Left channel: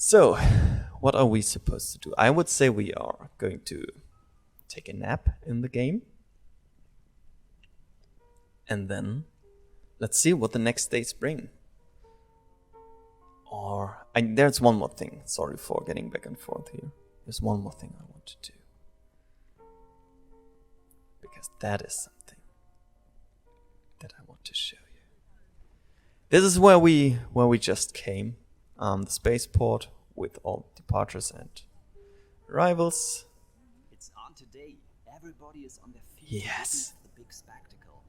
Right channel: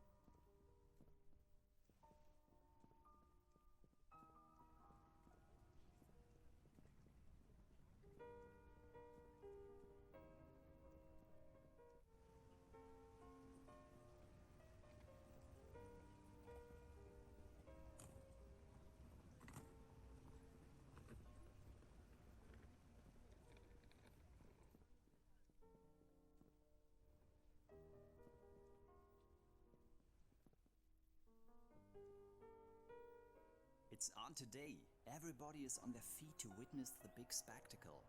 So, what are we supposed to do? I would say we are going to take a nap in the game. And then let's see what the next days bring. There's one more thing. Sorry for getting back and forth here. There's one more thing I want to do. Because that is something that I want to show you. This is where we just came. The spaceport with all departures and arrivals. It's on today. Everybody is on their feet. Yes. The big spectacle.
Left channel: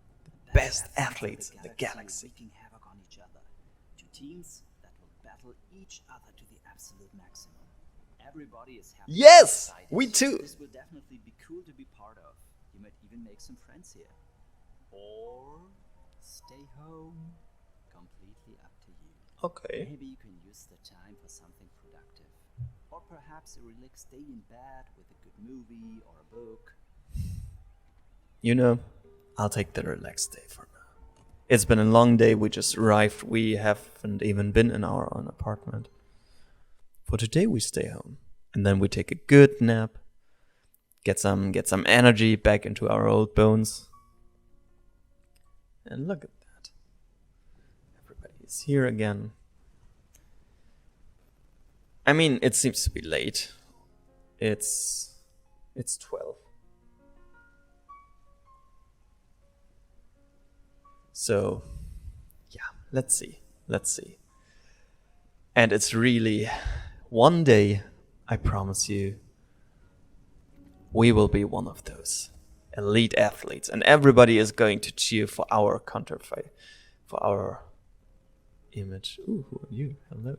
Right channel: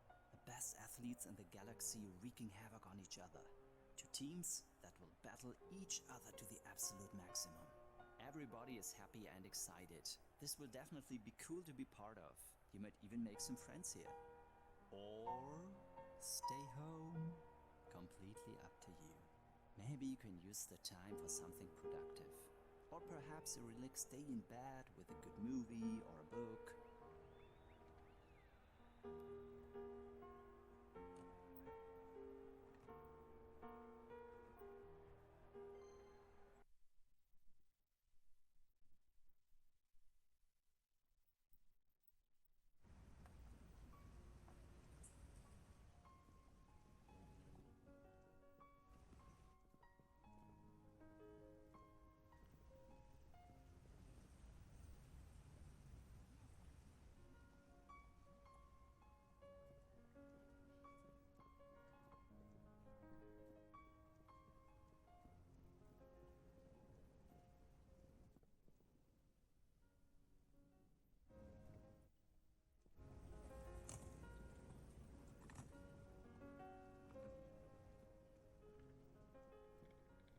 The Best athletes in the galaxy. Wreaking havoc on each other. Two teams that will battle each other to the absolute maximum. Everybody is happy. Yes! And excited. We too! This will definitely be cool to be part of. You might even make some friends here. Or stay home. Completely up to you. Okay. Maybe you can use the time for something productive. Or perhaps a relaxed day in bed with a good movie or a book. You know, I'll take the relaxed day for now. It's been a long day. We just arrived. We haven't even been in our own apartment. For today, we stay home. And then we take a good nap. Get some energy back into our old bones. And look at that. Everybody's here again. I mean, it seems to be late. It's 12. So, yeah, let's see. And it's really one day, I promise you, we will be one of those elite athletes, and everybody is going to cheer for our counterfeit, for our image. Ooh, who are you? Hello.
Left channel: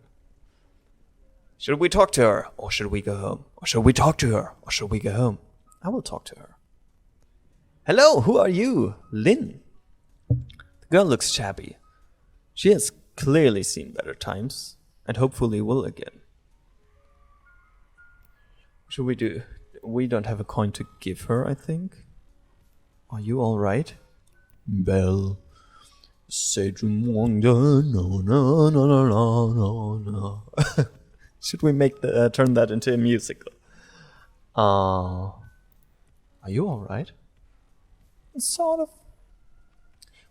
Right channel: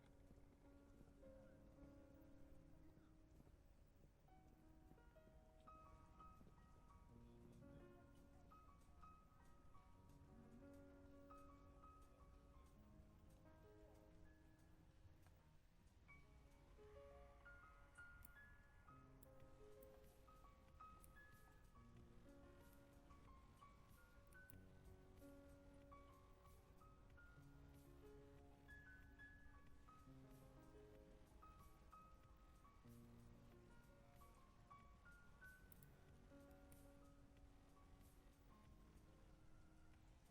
Should we talk to her, or should we go home? Or should we talk to her, or should we go home? I will talk to her. Hello, who are you? Lynn. The girl looks shabby. She has clearly seen better times, and hopefully will again. What should we do? We don't have a coin to give her, I think. Are you alright? Belle. Say no, no, no, no, no, no. Should we make turn that into a musical? Are you alright? Sort of.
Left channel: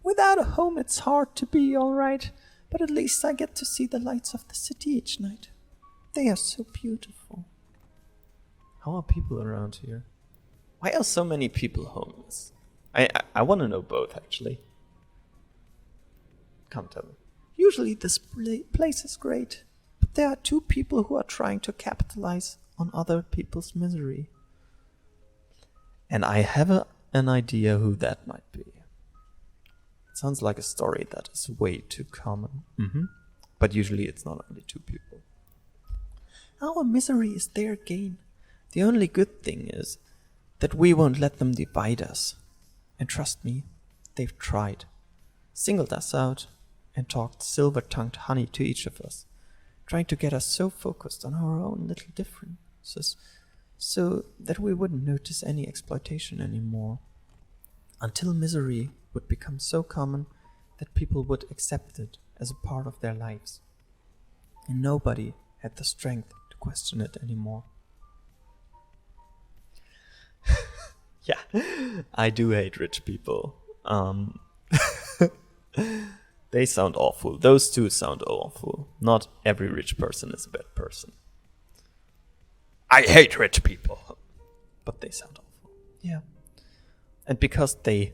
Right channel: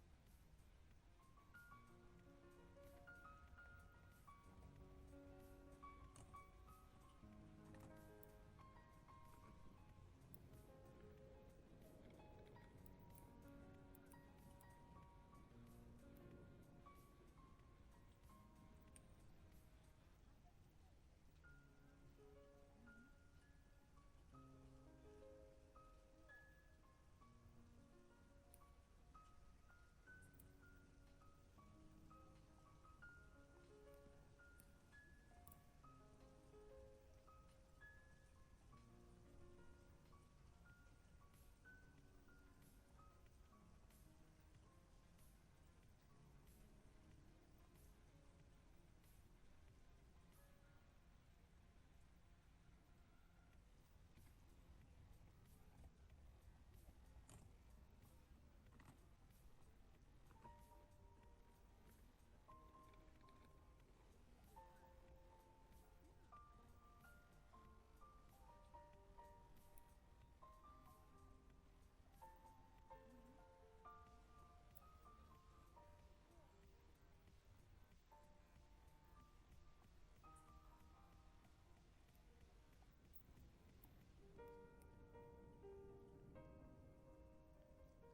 Without a home, it's hard to be alright. But at least I get to see the lights of the city each night. They are so beautiful. How are people around here? Why are so many people homeless? I want to know both, actually. Come tell me. Usually this place is great. But there are two people who are trying to capitalize on other people's misery. And I have an idea who that might be. It sounds like a story that is way too common. But usually it's not only two people. Our misery is their gain. The only good thing is that we won't let them divide us. And trust me, they've tried. Singled us out and talked silver-tongued honey to each of us, trying to get us so focused on our own little differences so that we wouldn't notice any exploitation anymore. Until misery would become so common that people would accept it as a part of their lives. And nobody had the strength to question it anymore. Yeah, I do hate rich people. They sound awful. Those two sound awful. Not every rich person is a bad person. I hate rich people. But they sound awful. Yeah. And because they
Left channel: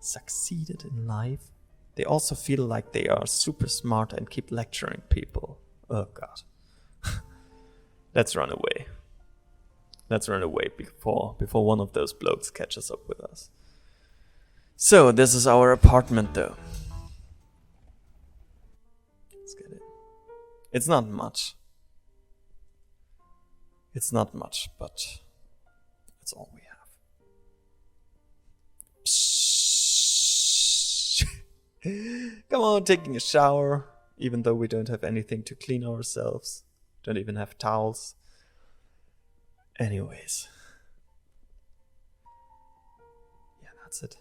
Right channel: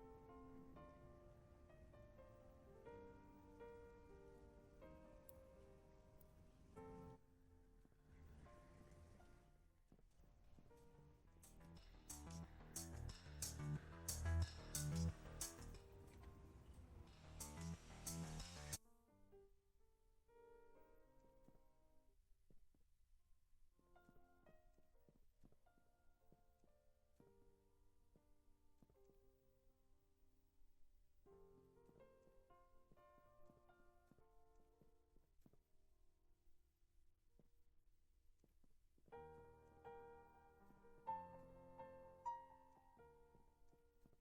succeeded in life, they also feel like they are super smart and keep lecturing people. Oh god. Let's run away. Let's run away before one of those blokes catches up with us. So, this is our apartment though. Let's get it. It's not much. It's not much, but it's all we have. Come on, taking a shower, even though we don't have anything to clean ourselves. Don't even have towels. Anyways. Yeah, that's it.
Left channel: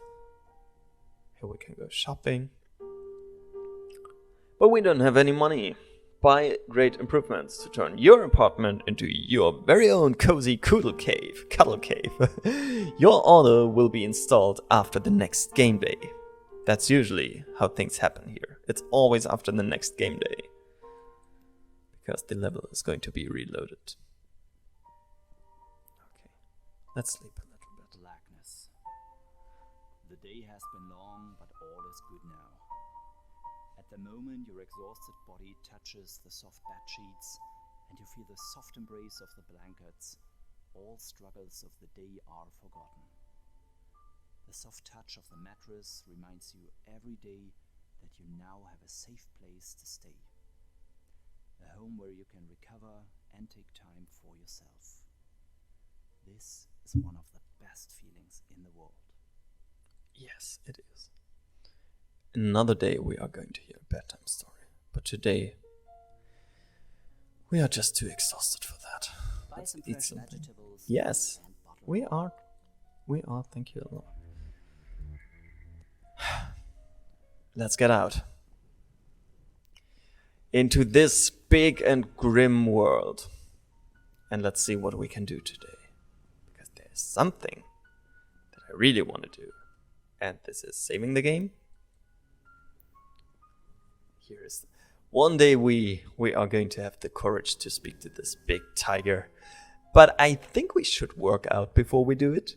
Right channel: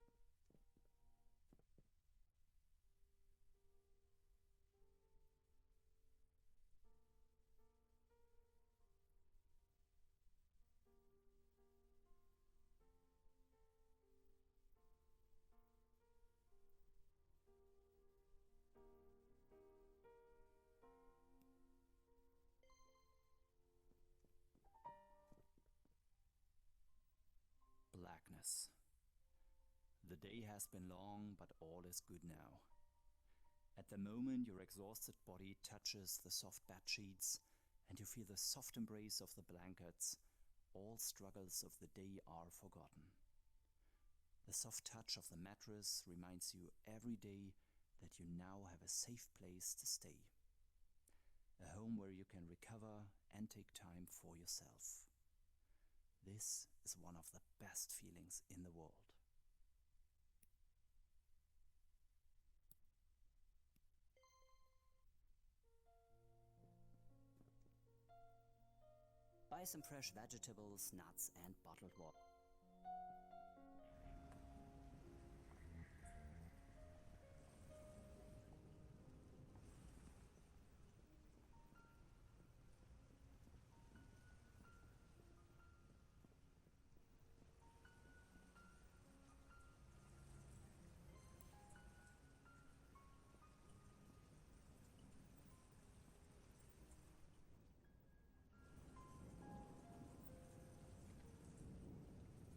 Here we can go shopping. But we don't have any money. buy great improvements to turn your apartment into your very own cozy cuddle cave. Your order will be installed after the next game day. That's usually how things happen here. It's always after the next game day. Because the level is going to be reloaded. Okay, let's sleep a little bit. Blackness. The day has been long, but all is good now. At the moment your exhausted body touches the soft bed sheets and you feel the soft embrace of the blankets, all struggles of the day are forgotten. The soft touch of the mattress reminds you every day that you now have a safe place to stay. A home where you can recover and take time for yourself. This is one of the best feelings in the world. Yes, it is. Another day we are going to hear a bedtime story. But today, we are just too exhausted for that. Buy Let's some eat fresh something. vegetables Yes, and bottle we water. are, thank you. Let's get out. Into this big and grim world. And let's see what we can do today. Because there's something that I really want to do. And this is saving the game. Here is one day we are going to have the courage to speak to this big tiger. But I think we should work out before we do it.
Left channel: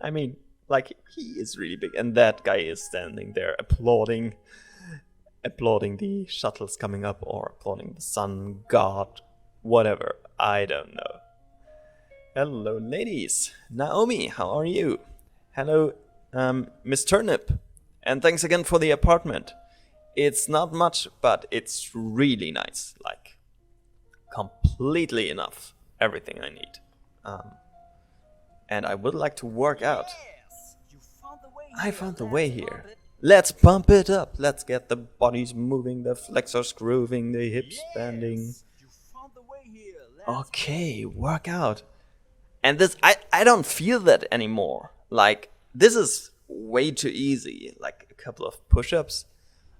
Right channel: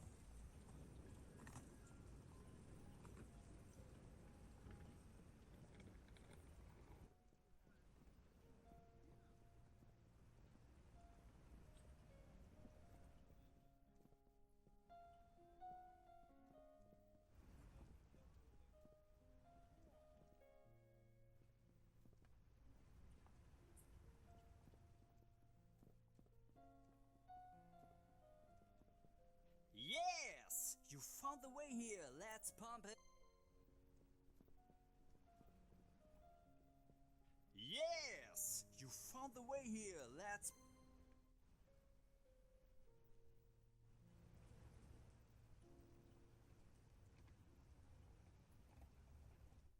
I mean, like, he is really big. And that guy is standing there applauding the shuttles coming up, or applauding the sun god, whatever. I don't know. Hello, ladies. Naomi, how are you? Hello, Miss Turnip. And thanks again for the apartment. It's not much, but it's really nice. Like, completely enough. Everything I need. And I would like to work out. Yes! You found the way I here. found the way Let's here. bump it. Let's pump it up. Let's get the bodies moving, the flexors grooving, the hips bending. Yes! You found the way here. Let's Okay, work out. And this, I don't feel that anymore. Like, this is way too easy. Like a couple of push-ups.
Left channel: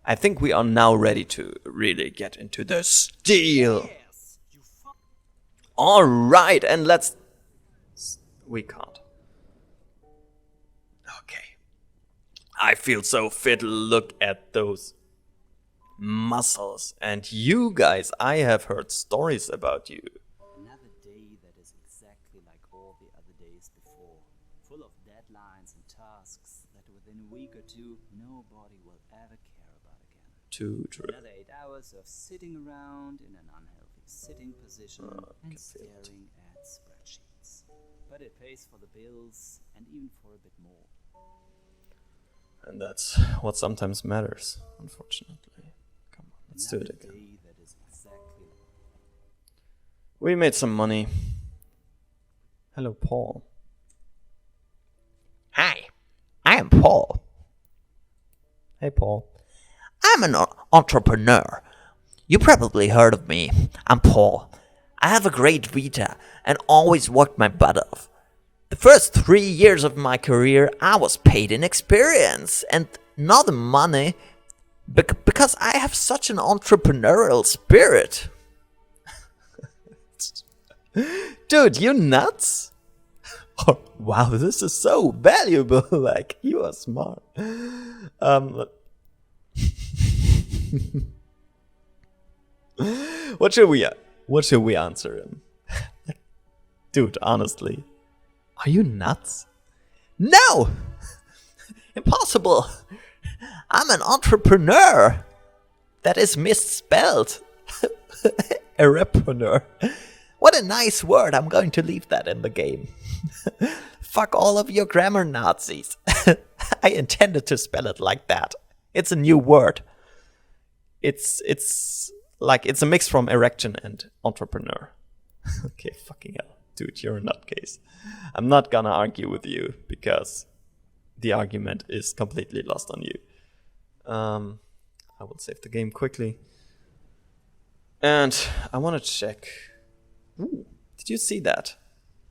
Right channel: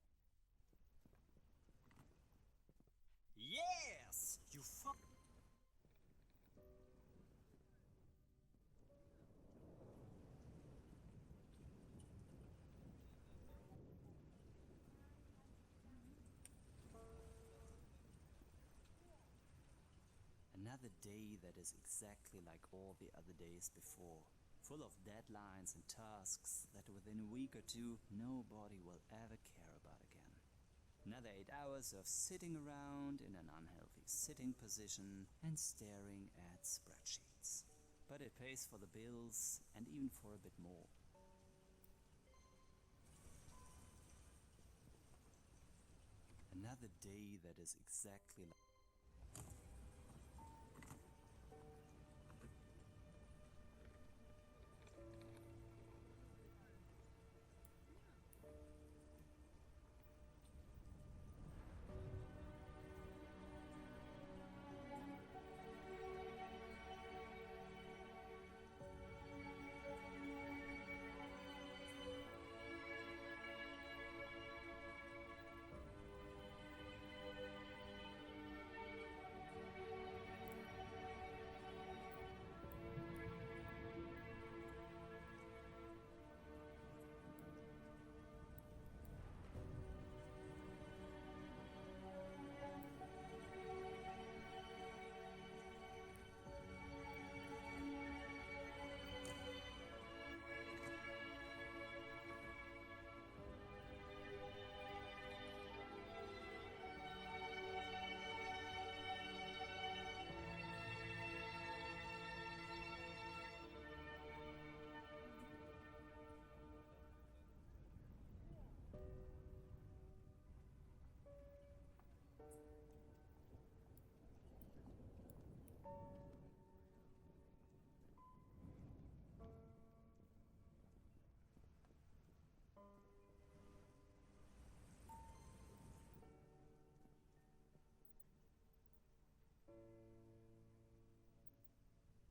I think we are now ready to really get into the steel. Yes! You found All right, and let's... We can't. Okay. I feel so fit. Look at those muscles. And you guys, I have heard stories about you. another day that is exactly like all the other days before. Full of deadlines and tasks that within a week or two nobody will ever care about again. Too true. Another 8 hours of sitting around in an unhealthy sitting position and staring at spreadsheets. But it pays for the bills and even for a bit more. And that's what sometimes matters, unfortunately. Come on, let's do it Another again. day that is exactly like We made some money. Hello, Paul. Hi, I am Paul. Hey, Paul. I'm an entrepreneur. You probably heard of me. I'm Paul. I have a great vita and always worked my butt off. The first 3 years of my career, I was paid in experience and not in money because I have such an entrepreneurial spirit. Dude, you nuts? Oh, wow, this is so valuable. Like, you are smart. What should we answer him? Dude, honestly. Are you nuts? No! Impossible! I'm an entrepreneur! That is misspelled. A repreneur. What a nice word. I'm going to leave that in the game. Fuck all of your grammar Nazis. I intended to spell it like that. It's a new word. It's like, it's a mix from erection and entrepreneur. Okay, fucking hell. Dude, you're a nutcase. I'm not gonna argue with you because the argument is completely lost on you. I will save the game quickly. And I want to check. Ooh, did you see that?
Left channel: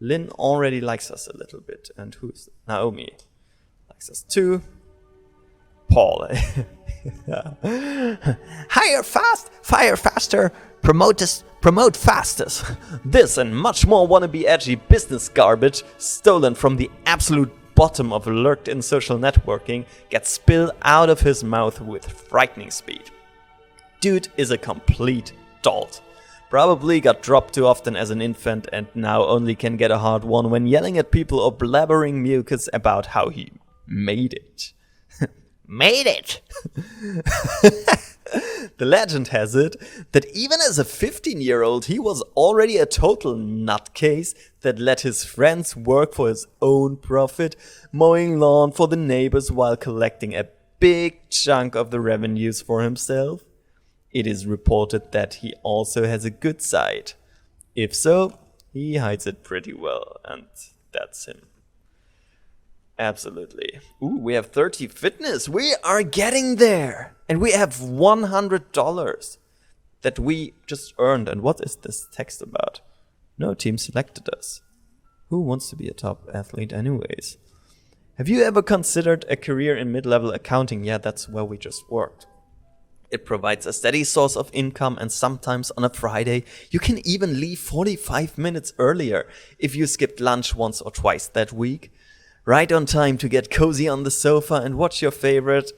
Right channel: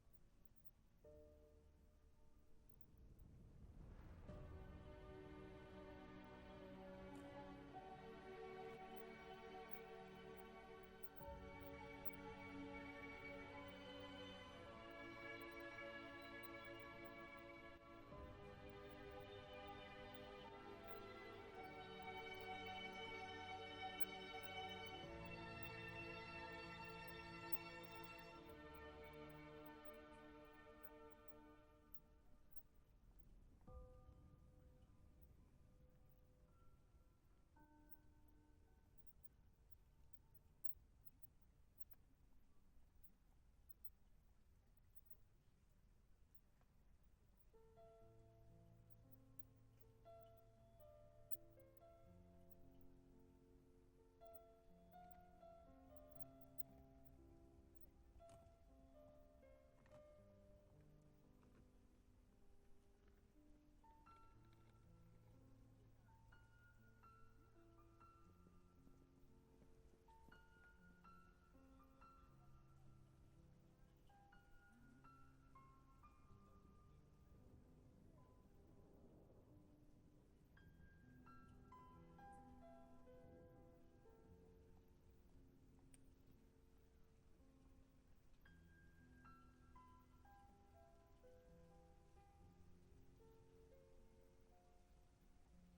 Lynn already likes us a little bit. And who's Naomi? Likes us too. Paul. Hire fast, fire faster, promote fastest. This and much more wannabe edgy business garbage stolen from the absolute bottom of lurked-in social networking gets spilled out of his mouth with frightening speed. Dude is a complete dolt. Probably got dropped too often as an infant and now only can get a hard one when yelling at people or blabbering mucus about how he made it. Made it! The legend has it that even as a 15-year-old he was already a total nutcase that let his friends work for his own profit, mowing lawn for the neighbors while collecting a big chunk of the revenues for himself. It is reported that he also has a good side. If so, he hides it pretty well, and that's him. Absolutely. Ooh, we have 30 fitness. We are getting there. And we have $100 that we just earned. And what is this text about? No team selected us. Who wants to be a top athlete anyways? Have you ever considered a career in mid-level accounting? Yeah, that's where we just worked. It provides a steady source of income, and sometimes on a Friday you can even leave 45 minutes earlier if you skipped lunch once or twice that week. Right on time to get cozy on the sofa and watch your favorite...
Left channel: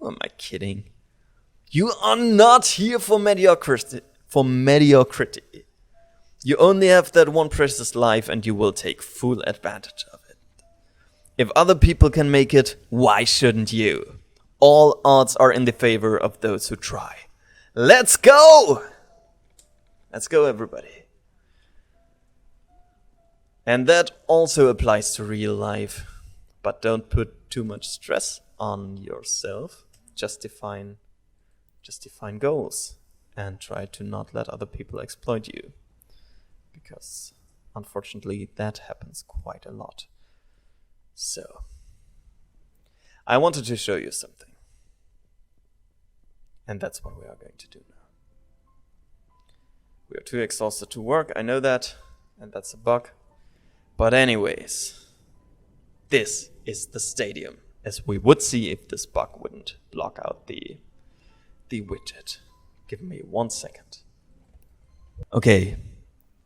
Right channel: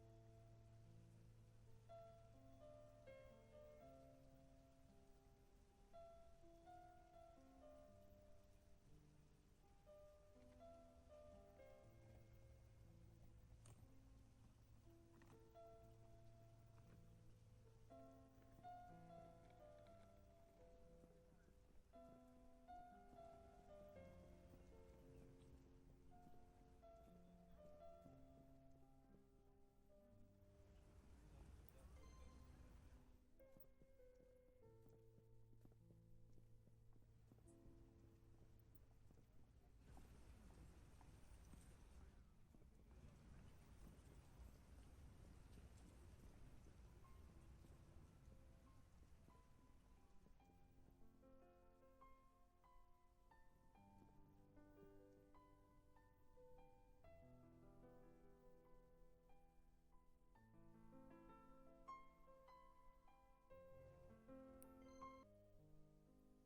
Who am I kidding? You are not here for mediocrity. You only have that one precious life and you will take full advantage of it. If other people can make it, why shouldn't you? All odds are in the favor of those who try. Let's go! Let's go, everybody. And that also applies to real life. But don't put too much stress on yourself. Just define goals. And try to not let other people exploit you. Because, unfortunately, that happens quite a lot. So, I wanted to show you something. And that's what we are going to do now. We are too exhausted to work, I know that. And that's a bug. But anyways, this is the stadium, as we would see if this bug wouldn't block out the widget. Give me 1 second. Okay,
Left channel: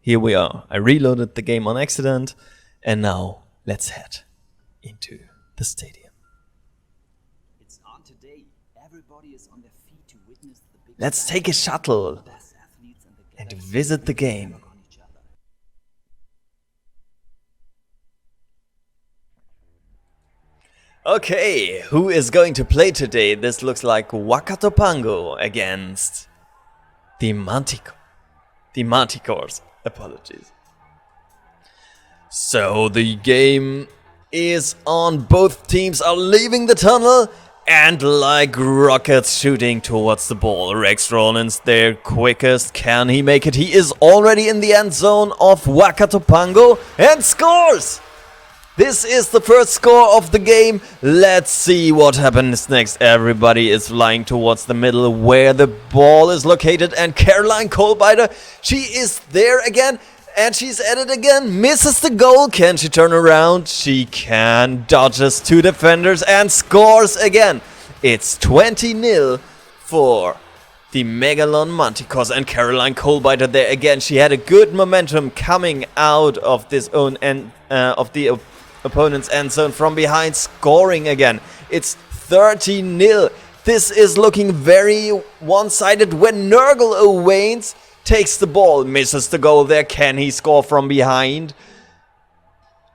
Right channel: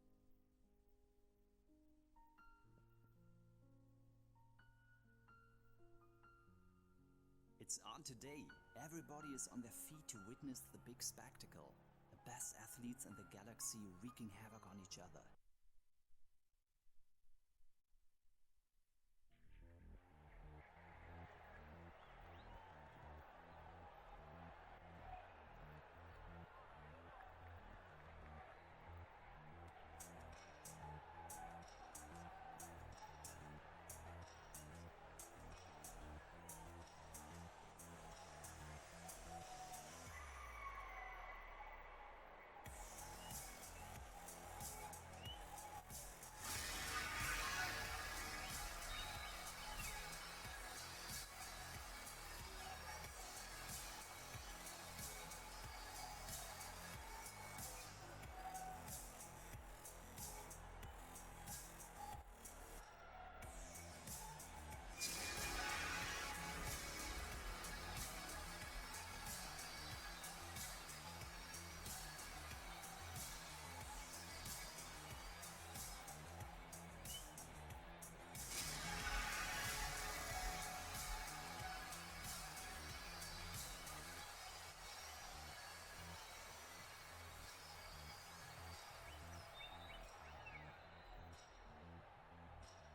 here we are. I reloaded the game on accident, and now let's head into the stadium. It's on today. Everybody is on their feet to witness the big Let's take a shuttle best athletes in the and galaxy visit the will game. hammer on each other. Okay, who is going to play today? This looks like Whakato Pango against the Manticores. Apologies. So the game is on. Both teams are leaving the tunnel and like rockets shooting towards the ball. Rex Rollins their quickest. Can he make it? He is already in the end zone of Whakato Pango and scores! This is the first score of the game. Let's see what happens next. Everybody is flying towards the middle where the ball is located. And Caroline Colbiter, she is there again. And she's at it again. Misses the goal. Can she turn around? She can. Dodges two defenders and scores again. It's 20-0 for the Megalon Manticores. And Caroline Colbiter there again. She had a good momentum coming out of this own end of the opponent's end zone from behind, scoring again. It's 30-0. This is looking very one-sided when Nurgle Owens takes the ball, misses the goal there. Can he score from behind?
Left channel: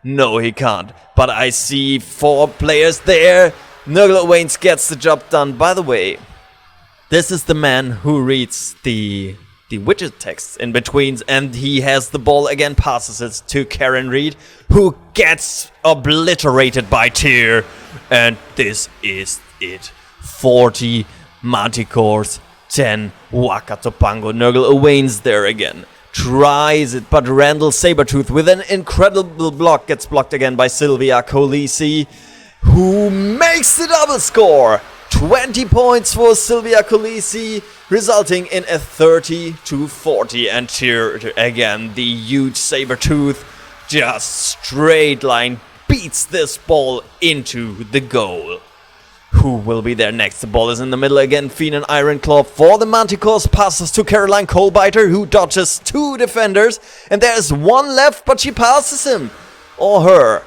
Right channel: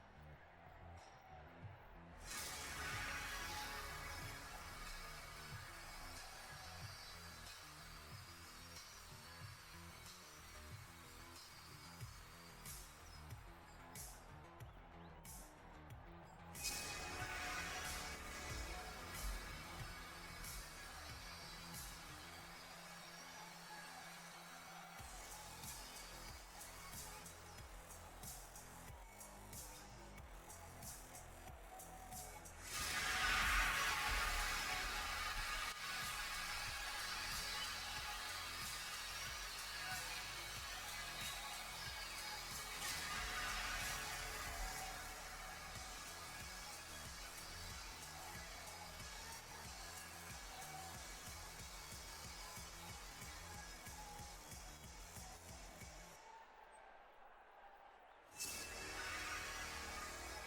No, he can't. But I see 4 players there. Nurgle Owens gets the job done. By the way, this is the man who reads the widget text in between, and he has the ball again, passes it to Karen Reed, who gets obliterated by Tyr. And this is it. 40 Manticores, 10 Whakato Pango. Nurgle Owens there again. Tries it, but Randall Sabertooth with an incredible block gets blocked again by Sylvia Colisi, who makes the double score. 20 points for Sylvia Colisi, resulting in a 30-40. And here again, the huge Sabertooth just straight line beats this ball into the goal. Who will be there next? The ball is in the middle again. Fiend and Ironclaw for the Manticores. Passes to Caroline Coalbiter, who dodges 2 defenders. And there's 1 left, but she passes him. Or her.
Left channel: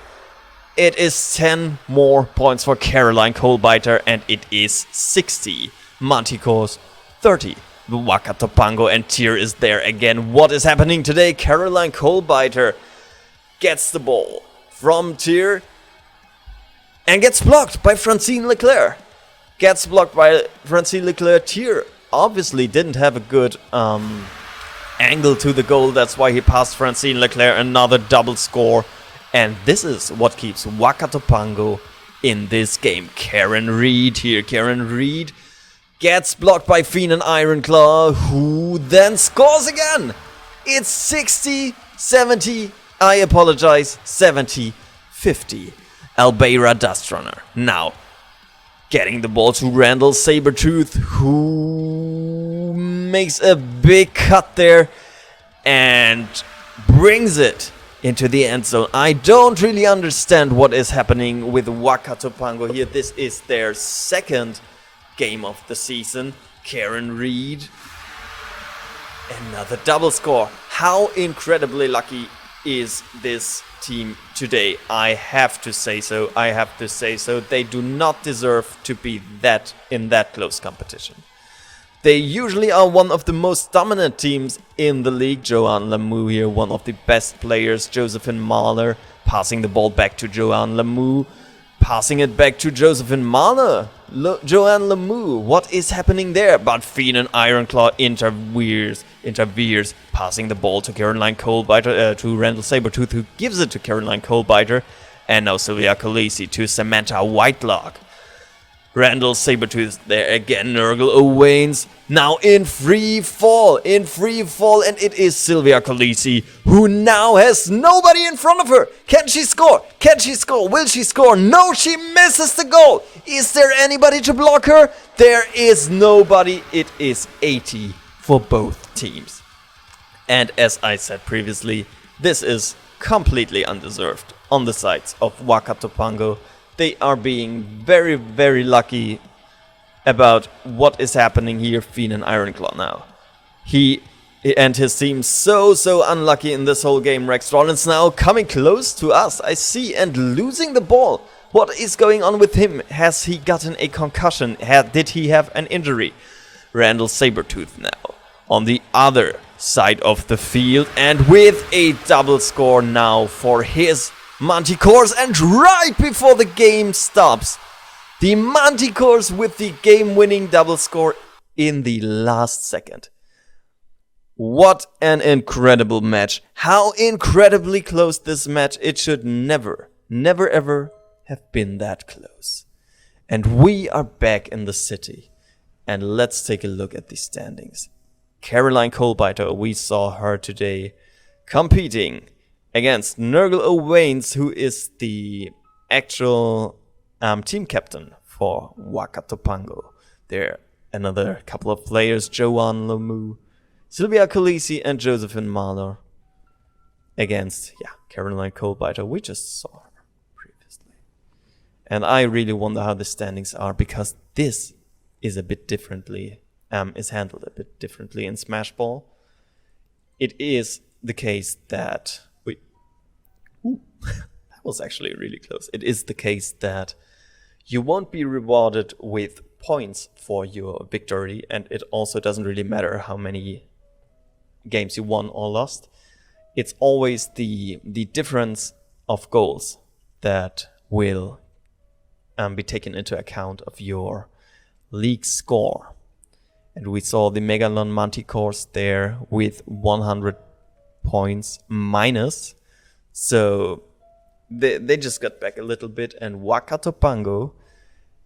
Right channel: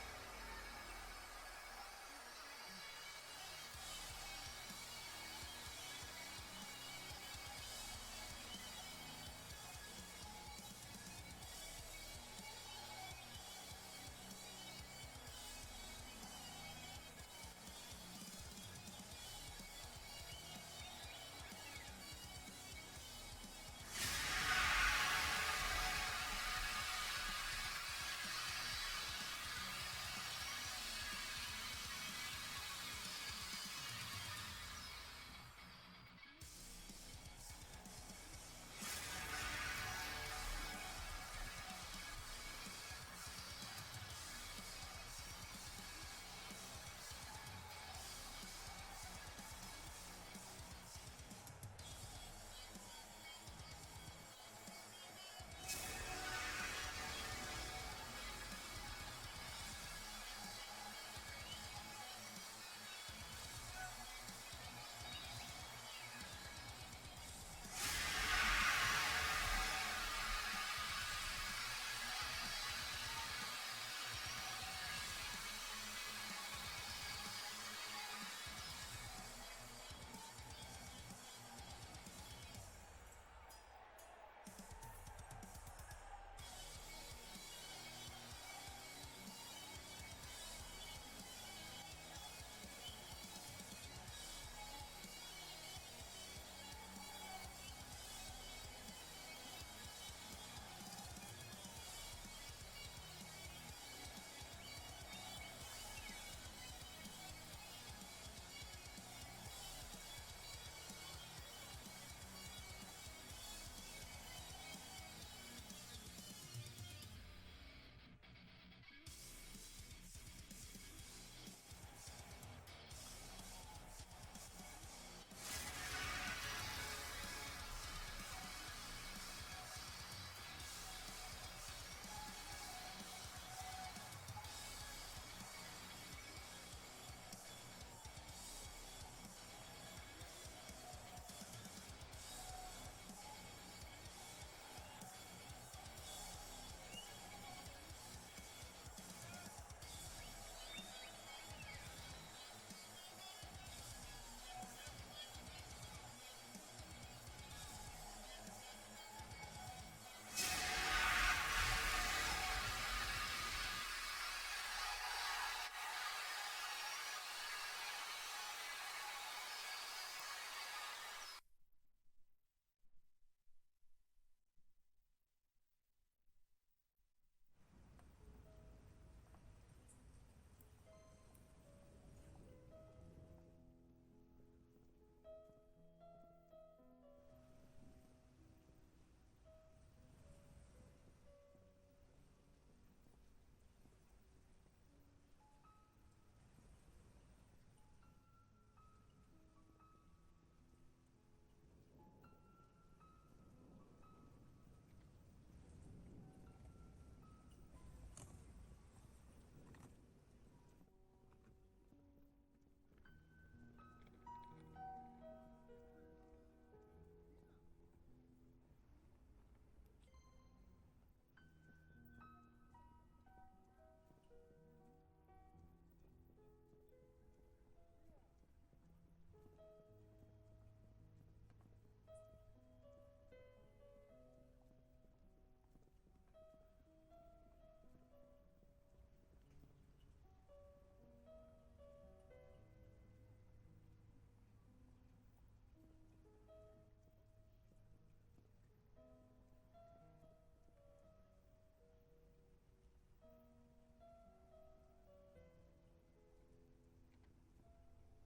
It is 10 more points for Caroline Coalbiter, and it is 60. Manticores 30. The Whakato, Pango and Tyr is there again. What is happening today? Caroline Coalbiter gets the ball from Tyr and gets blocked by Francine Leclerc. Tyr obviously didn't have a good angle to the goal. That's why he passed Francine Leclerc. Another double score. And this is what keeps Whakato Pango in this game. Karen Reed here. Karen Reed gets blocked by Fiend and Ironclaw, who then scores again. It's 60-70. I apologize. 70-50. Albeira Dustrunner now getting the ball to Randall Sabertooth, who makes a big cut there and brings it into the end zone. I don't really understand what is happening with Whakato Pango here. This is their 2nd game of the season. Karen Reed, another double score. How incredibly lucky is this team today? I have to say so. They do not deserve to be in that close competition. They usually are one of the most dominant teams in the league. Joanne Lamoux here, one of the best players. Josephine Mahler passing the ball back to Joanne Lamoux. Passing it back to Josephine Mahler. Joanne Lamoux, what is happening there? But Fiend and Ironclaw interferes, passing the ball to Caroline Coalbiter, to Randall Sabertooth, who gives it to Caroline Coalbiter. And now Sylvia Khaleesi to Samantha Whitelock. Randall Sabertooth there again. Nurgle Owens now in free fall, and it is Sylvia Khaleesi, who now has nobody in front of her. Can she score? Will she score? No, she misses the goal. Is there anybody to block her? There is nobody. It is 80 for both teams. And as I said previously, this is completely undeserved on the sides of Whakato Pango. They are being very, very lucky about what is happening here. Fiend and Ironclaw now. He and his team so unlucky in this whole game. Rex Rollins now coming close to us, I see, and losing the ball. What is going on with him? Has he gotten a concussion? Did he have an injury? Randall Sabertooth now on the other side of the field, and with a double score now for his Manticores, and right before the game stops, the Manticores with the game-winning double score in the last second. What an incredible match. How incredibly close this match. It should never ever have been that close. And we are back in the city. And let's take a look at the standings. Caroline Coalbiter, we saw her today competing against Nurgle Owens, who is the actual team captain for Whakato Pango. There another couple of players, Joanne Lamoux, Sylvia Khaleesi and Josephine Mahler against Caroline Coalbiter. We just saw her previously. And I really wonder how the standings are, because this is a bit differently, is handled a bit differently in Smashball. It is the case that that was actually really close. It is the case that you won't be rewarded with points for your victory, and it also doesn't really matter how many games you won or lost. It's always the difference of goals that will be taken into account of your league score. And we saw the Megalon Manticores there with 100 points minus. So they just got back a little bit. And Whakato Pango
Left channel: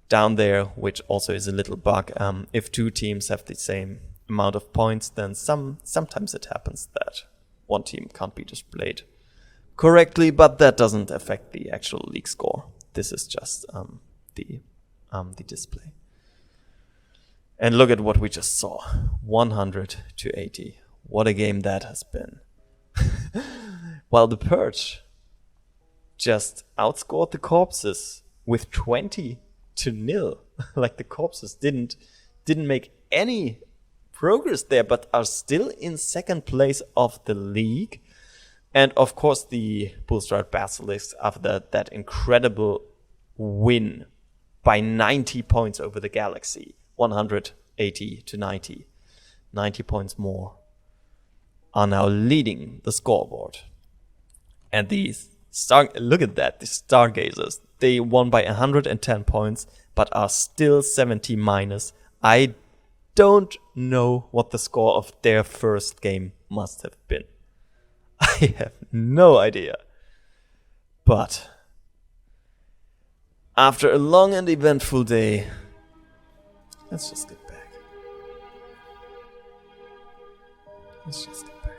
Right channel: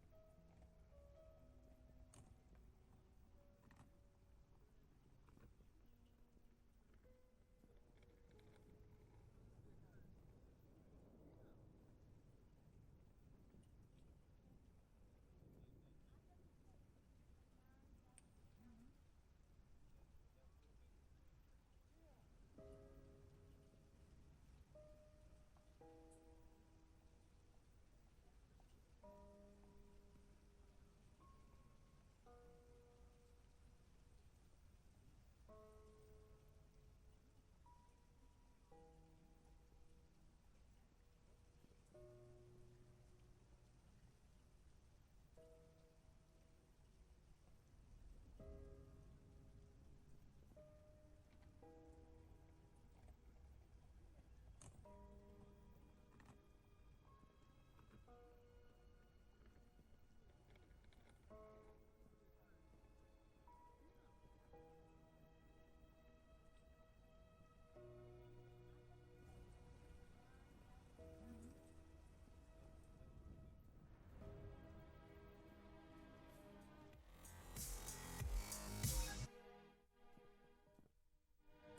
down there, which also is a little bug. If two teams have the same amount of points, then sometimes it happens that one team can't be displayed correctly, but that doesn't affect the actual league score. This is just the display. And look at what we just saw. 100-80. What a game that has been. While the Purge just outscored the Corpses with 20-0. like the corpses didn't make any progress there, but are still in second place of the league. And of course the Bullstride Basilisks, after that incredible win by 90 points over the Galaxy, 180 to 90 points more, are now leading the scoreboard. And these look at that, the Stargazers, they won by 110 points, but are still 70 minus. I don't know what the score of their first game must have been. I have no idea. But after a long and eventful day, let's just get back. Let's just get back.